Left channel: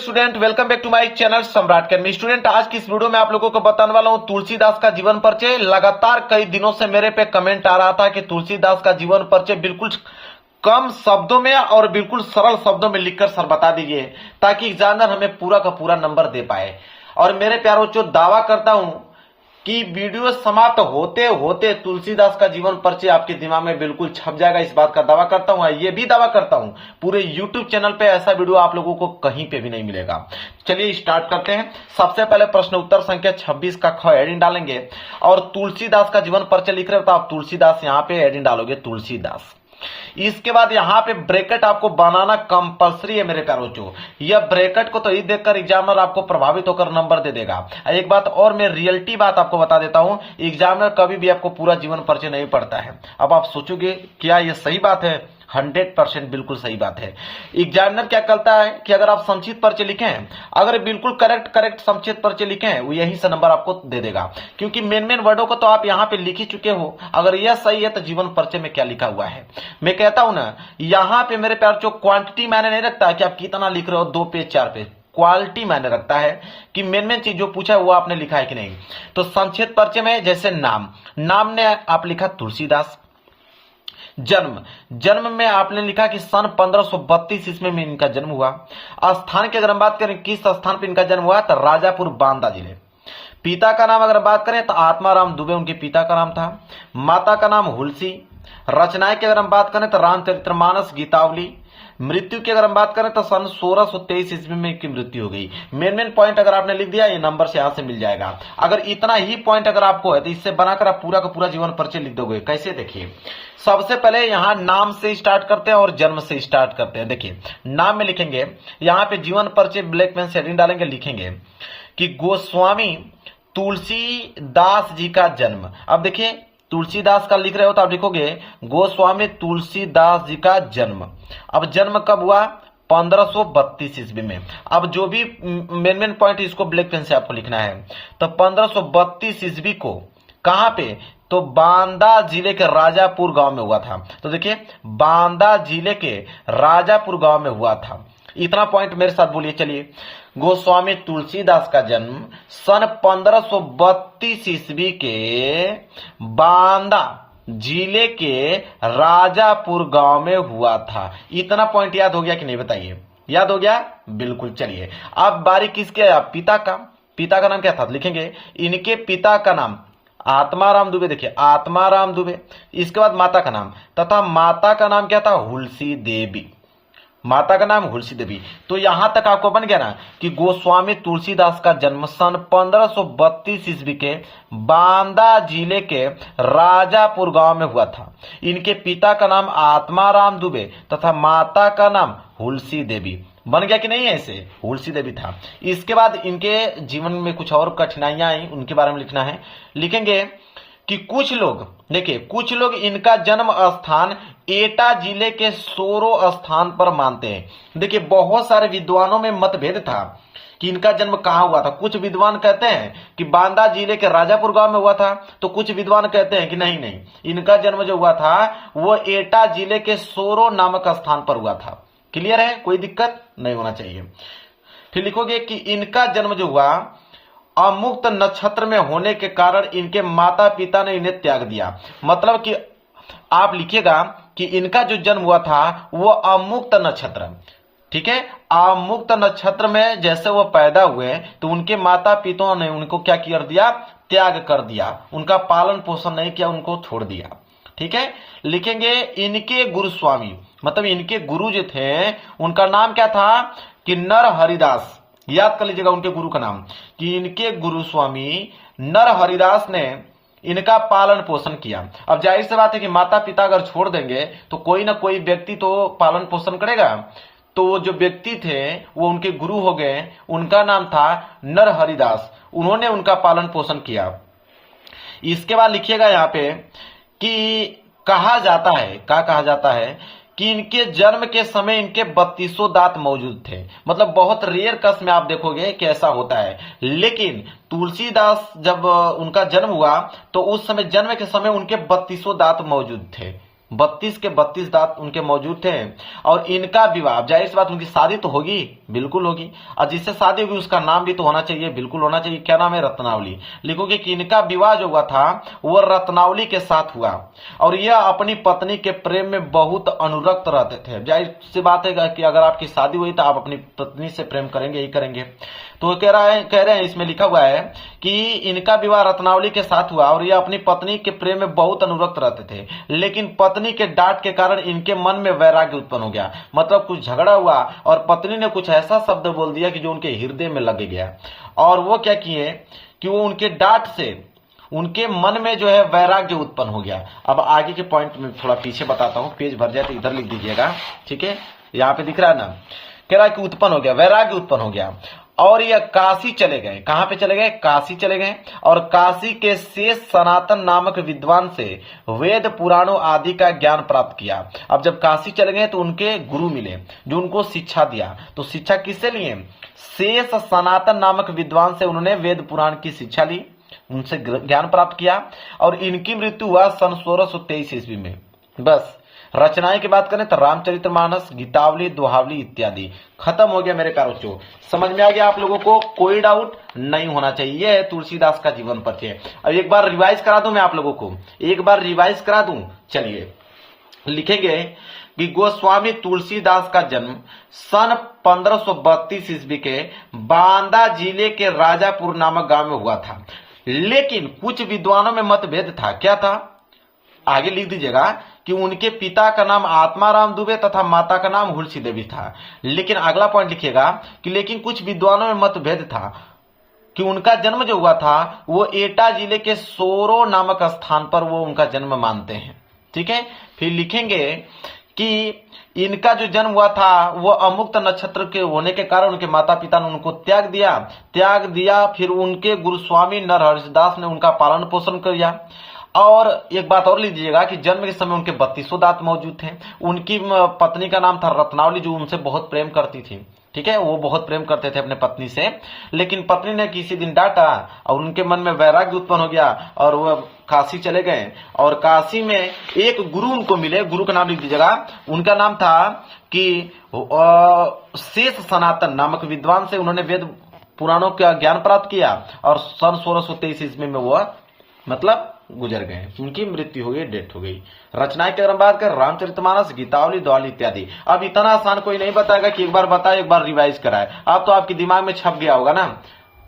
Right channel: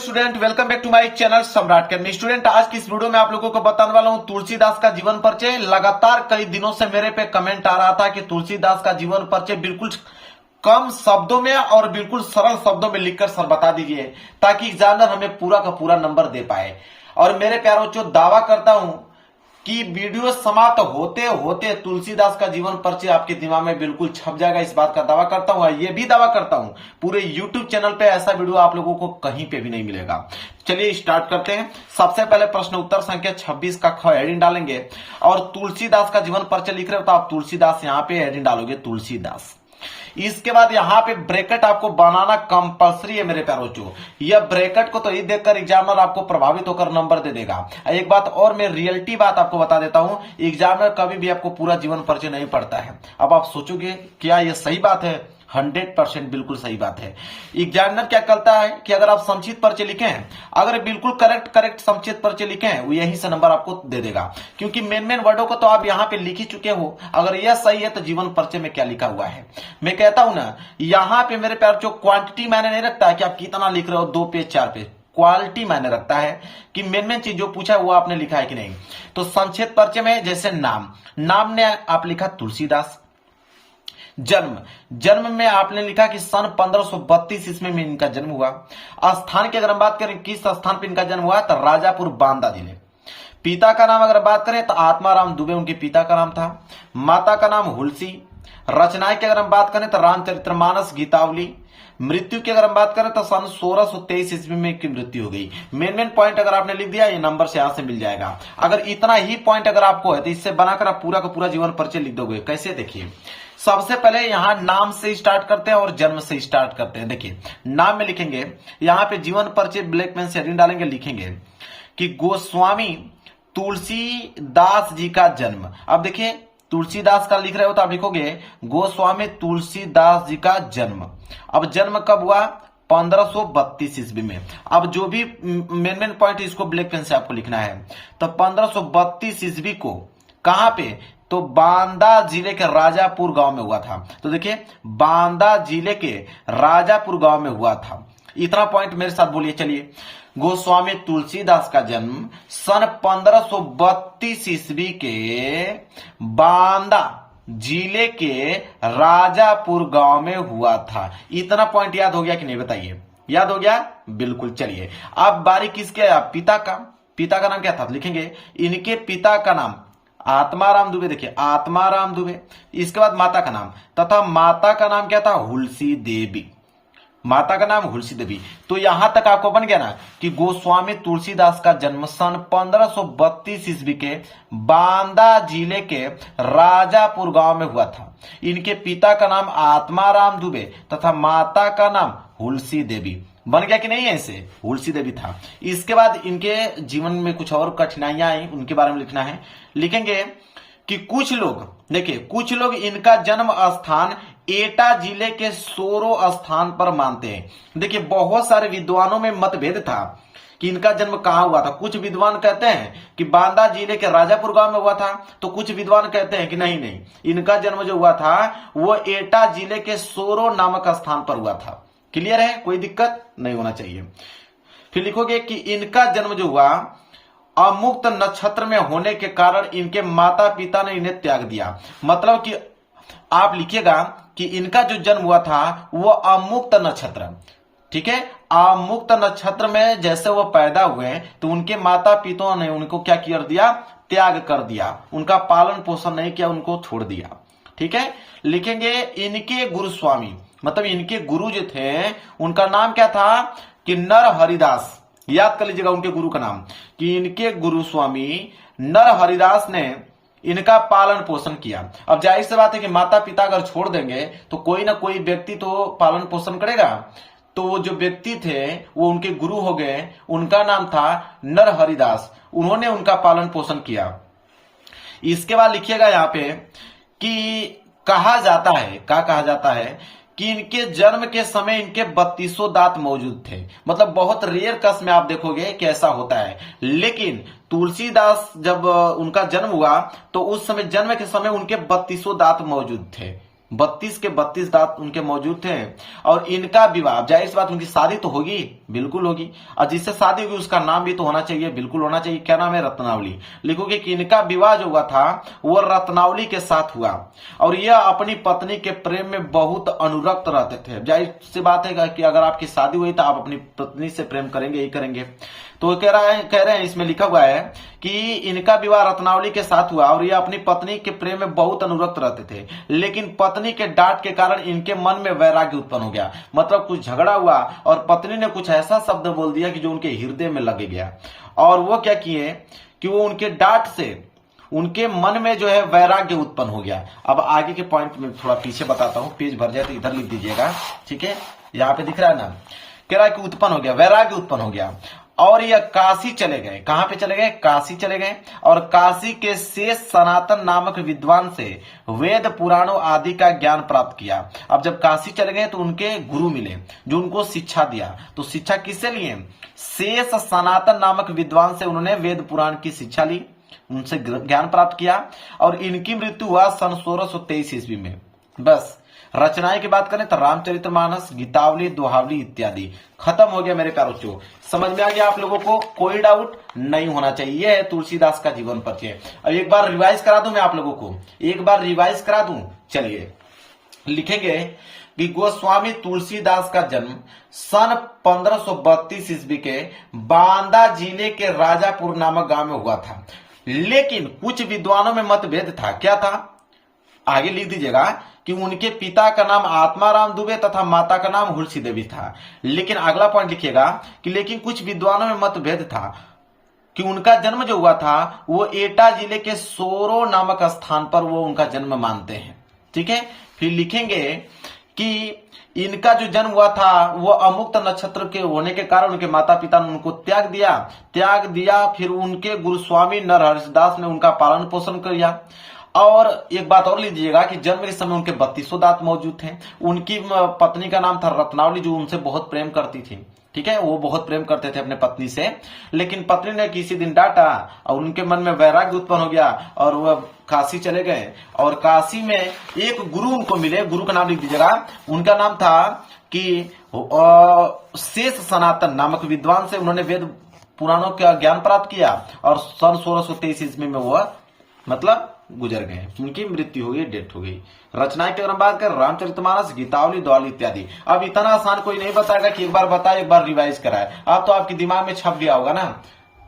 Student, welcome back to my channel Samrat academy. Student, आज की इस वीडियो में आप लोगों को बताने वाला हूं तुलसीदास का जीवन परिचय। लगातार कई दिनों से मेरे पे कमेंट आ रहा था कि तुलसीदास का जीवन परिचय बिल्कुल कम शब्दों में और बिल्कुल सरल शब्दों में लिखकर सर बता दीजिए, ताकि एग्जामिनर हमें पूरा का पूरा नंबर दे पाए। और मेरे प्यारों बच्चों, दावा करता हूं कि वीडियो समाप्त होते होते तुलसीदास का जीवन परिचय आपके दिमाग में बिल्कुल छप जाएगा। इस बात का दावा करता हूं। ये भी दावा करता हूं पूरे YouTube चैनल पे ऐसा वीडियो आप लोगों को कहीं पे भी नहीं मिलेगा। चलिए स्टार्ट करते हैं। सबसे पहले प्रश्न उत्तर संख्या 26 का ख हेडिंग डालेंगे और तुलसीदास का जीवन परिचय लिख रहे हो तो आप तुलसीदास यहाँ पे हेडिंग डालोगे तुलसीदास। इसके बाद यहाँ पे ब्रैकेट आपको बनाना कंपलसरी है मेरे प्यारों बच्चों। यह ब्रैकेट को तो ये देखकर एग्जामिनर आपको प्रभावित होकर नंबर दे देगा। एक बात और मैं रियलिटी बात आपको बता देता हूं, एग्जामिनर कभी भी आपको पूरा जीवन परिचय नहीं पढ़ता है। अब आप सोचोगे क्या यह सही बात है? 100% बिल्कुल सही बात है। एग्जामिनर क्या करता है कि अगर आप संक्षिप्त परिचय लिखें, अगर बिल्कुल करेक्ट संक्षिप्त परिचय लिखें, वो यहीं से नंबर आपको दे देगा, क्योंकि मेन वर्डों को तो आप यहाँ पे लिख ही चुके हो। अगर यह सही है तो जीवन परिचय में क्या लिखा हुआ है। मैं कहता हूं ना, यहाँ पे मेरे प्यार जो क्वांटिटी मायने नहीं रखता है कि आप कितना लिख रहे हो, 2 पेज 4 पेज, क्वालिटी मायने रखता है कि मेन चीज जो पूछा है वो आपने लिखा है कि नहीं। तो संक्षिप्त परिचय में जैसे नाम ने आप लिखा तुलसीदास। जन्म में आपने लिखा कि सन 1532 ईस्वी में इनका जन्म हुआ। स्थान की अगर हम बात करें किस स्थान पर इनका जन्म हुआ, तो राजापुर बांदा जिले। पिता का नाम अगर बात करें तो आत्माराम दुबे उनके पिता का नाम था। माता का नाम हुलसी। रचनाएं की अगर हम बात करें तो रामचरितमानस, गीतावली। मृत्यु की अगर हम बात करें तो सन 1623 ईस्वी में की मृत्यु हो गई। मेन पॉइंट अगर आपने लिख दिया, ये नंबर से यहां से मिल जाएगा। अगर इतना ही पॉइंट अगर आपको है तो इससे बनाकर आप पूरा का पूरा जीवन परिचय लिख दोगे। कैसे? देखिए, सबसे पहले यहां नाम से स्टार्ट करते हैं और जन्म से स्टार्ट करते हैं। देखिए, नाम में लिखेंगे, यहां पे जीवन परिचय ब्लैक पेन से हेडिंग डालेंगे, लिखेंगे कि गोस्वामी तुलसीदास जी का जन्म। अब देखिए, तुलसीदास का लिख रहे हो तो आप लिखोगे गोस्वामी तुलसीदास जी का जन्म। अब जन्म कब हुआ? 1532 ईस्वी में। अब जो भी मेन पॉइंट इसको ब्लैक पेन से आपको लिखना है। तो 1532 ईस्वी को कहां पे? तो बांदा जिले के राजापुर गांव में हुआ था। तो देखिए, बांदा जिले के राजापुर गांव में हुआ था। इतना पॉइंट मेरे साथ बोलिए। चलिए, गोस्वामी तुलसीदास का जन्म सन 1532 ईस्वी के बांदा जिले के राजापुर गांव में हुआ था। इतना पॉइंट याद हो गया कि नहीं? बताइए, याद हो गया? बिल्कुल। चलिए, अब बारी किसके है? पिता का नाम क्या था? लिखेंगे इनके पिता का नाम आत्माराम दुबे। देखिए, आत्माराम दुबे। इसके बाद माता का नाम, तथा माता का नाम क्या था? हुलसी देवी। माता का नाम हुलसी देवी। तो यहां तक आपको बन गया ना कि गोस्वामी तुलसीदास का जन्म सन 1532 ईस्वी के बांदा जिले के राजापुर गांव में हुआ था। इनके पिता का नाम आत्माराम दुबे तथा माता का नाम हुलसी देवी। बन गया कि नहीं? ऐसे हुलसी देवी था। इसके बाद इनके जीवन में कुछ और कठिनाइयां आई, उनके बारे में लिखना है। लिखेंगे कि कुछ लोग इनका जन्म स्थान एटा जिले के सोरो स्थान पर मानते हैं। देखिए, बहुत सारे विद्वानों में मतभेद था कि इनका जन्म कहां हुआ था। कुछ विद्वान कहते हैं कि बांदा जिले के राजापुर गांव में हुआ था, तो कुछ विद्वान कहते हैं कि नहीं, इनका जन्म जो हुआ था वो एटा जिले के सोरो नामक स्थान पर हुआ था। क्लियर है? कोई दिक्कत नहीं होना चाहिए। फिर लिखोगे कि इनका जन्म जो हुआ अमुक्त नक्षत्र में होने के कारण इनके माता पिता ने इन्हें त्याग दिया। मतलब कि आप लिखिएगा कि इनका जो जन्म हुआ था वो अमुक्त नक्षत्र, ठीक है, अमुक्त नक्षत्र में जैसे वो पैदा हुए तो उनके माता पिता ने उनको क्या कर दिया? त्याग कर दिया। उनका पालन पोषण नहीं किया, उनको छोड़ दिया। ठीक है। लिखेंगे इनके गुरुस्वामी, मतलब इनके गुरु जो थे उनका नाम क्या था? कि नर हरिदास। याद कर लीजिएगा उनके गुरु का नाम, कि इनके गुरु स्वामी नर हरिदास ने इनका पालन पोषण किया। अब जाहिर सी बात है कि माता पिता अगर छोड़ देंगे तो कोई ना कोई व्यक्ति तो पालन पोषण करेगा। तो वो जो व्यक्ति थे वो उनके गुरु हो गए। उनका नाम था नर हरिदास। उन्होंने उनका पालन पोषण किया। इसके बाद लिखिएगा यहाँ पे कि कहा जाता है कि इनके जन्म के समय इनके 32 दांत मौजूद थे। मतलब बहुत रेयर केस में आप देखोगे कि ऐसा होता है। लेकिन तुलसीदास जब उनका जन्म हुआ तो उस समय, जन्म के समय उनके 32 दांत मौजूद थे। 32 के 32 दांत उनके मौजूद थे। और इनका विवाह, जाहिर सी बात उनकी शादी तो होगी, बिल्कुल होगी, और जिससे शादी होगी उसका नाम भी तो होना चाहिए, बिल्कुल होना चाहिए। क्या नाम है? रत्नावली। लिखोगे कि इनका विवाह जो हुआ था वो रत्नावली के साथ हुआ, और यह अपनी पत्नी के प्रेम में बहुत अनुरक्त रहते थे। जाहिर सी बात है कि अगर आपकी शादी हुई तो आप अपनी पत्नी से प्रेम करेंगे ही करेंगे। तो कह रहे हैं इसमें लिखा हुआ है कि इनका विवाह रत्नावली के साथ हुआ और यह अपनी पत्नी के प्रेम में बहुत अनुरक्त रहते थे, लेकिन पत्नी के डांट के कारण इनके मन में वैराग्य उत्पन्न हो गया। मतलब कुछ झगड़ा हुआ और पत्नी ने कुछ ऐसा शब्द बोल दिया कि जो उनके हृदय में लग गया, और वो क्या किए कि वो उनके डांट से उनके मन में जो है वैराग्य उत्पन्न हो गया। अब आगे के पॉइंट में थोड़ा पीछे बताता हूं, पेज भर जाए तो इधर लिख दीजिएगा, ठीक है? यहाँ पे दिख रहा है ना, कह रहा है कि उत्पन्न हो गया, वैराग्य उत्पन्न हो गया, और ये काशी चले गए। कहां पे चले गए? काशी चले गए, और काशी के शेष सनातन नामक विद्वान से वेद पुराणों आदि का ज्ञान प्राप्त किया। अब जब काशी चले गए तो उनके गुरु मिले जो उनको शिक्षा दिया। तो शिक्षा किससे लिए? शेष सनातन नामक विद्वान से उन्होंने वेद पुराण की शिक्षा ली, उनसे ज्ञान प्राप्त किया, और इनकी मृत्यु हुआ सन 1623 ईस्वी में। बस रचनाएं की बात करें तो रामचरितमानस, गीतावली, दोहावली इत्यादि। खत्म हो गया मेरे प्यारों। समझ में आ गया आप लोगों को? कोई डाउट नहीं होना चाहिए। यह है तुलसीदास का जीवन परिचय। अब एक बार रिवाइज करा दूं मैं आप लोगों को, एक बार रिवाइज करा दूं। चलिए लिखेंगे कि गोस्वामी तुलसीदास का जन्म सन 1532 ईस्वी के बांदा जिले के राजापुर नामक गांव में हुआ था, लेकिन कुछ विद्वानों में मतभेद था। क्या था? आगे लिख दीजिएगा कि उनके पिता का नाम आत्माराम दुबे तथा माता का नाम हुलसी देवी था। लेकिन अगला पॉइंट लिखिएगा कि लेकिन कुछ विद्वानों में मतभेद था कि उनका जन्म जो हुआ था वो एटा जिले के सोरो नामक स्थान पर वो उनका जन्म मानते हैं। ठीक है, फिर लिखेंगे कि इनका जो जन्म हुआ था वो अमुक्त नक्षत्र के होने के कारण उनके माता पिता ने उनको त्याग दिया। फिर उनके गुरुस्वामी नरहरिदास ने उनका पालन पोषण किया। और एक बात और लिख लीजिएगा कि जन्म के समय उनके 32 दांत मौजूद थे। उनकी पत्नी का नाम था रत्नावली, जो उनसे बहुत प्रेम करती थी। ठीक है, वो बहुत प्रेम करते थे अपने पत्नी से, लेकिन पत्नी ने किसी दिन डांटा और उनके मन में वैराग्य उत्पन्न हो गया और वह काशी चले गए। और काशी में एक गुरु उनको मिले, गुरु का नाम लिख दीजिएगा। उनका नाम था कि शेष सनातन नामक विद्वान से उन्होंने वेद पुराणों का ज्ञान प्राप्त किया, और सन 1623 ईस्वी में वह मतलब गुजर गए, उनकी मृत्यु हो गई, डेथ हो गई। रचनाएं की अगर बात करें रामचरितमानस, गीतावली, दोहावली इत्यादि। अब इतना आसान कोई नहीं बताएगा कि एक बार बताए एक बार रिवाइज कराए। अब तो आपके दिमाग में छप गया होगा ना,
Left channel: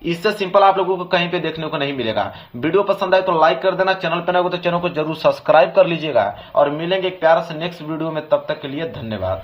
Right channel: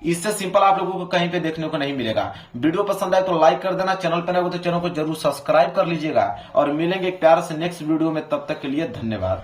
इससे सिंपल आप लोगों को कहीं पे देखने को नहीं मिलेगा। वीडियो पसंद आए तो लाइक कर देना, चैनल पर नए हो तो चैनल को जरूर सब्सक्राइब कर लीजिएगा, और मिलेंगे एक प्यारे से नेक्स्ट वीडियो में। तब तक के लिए धन्यवाद।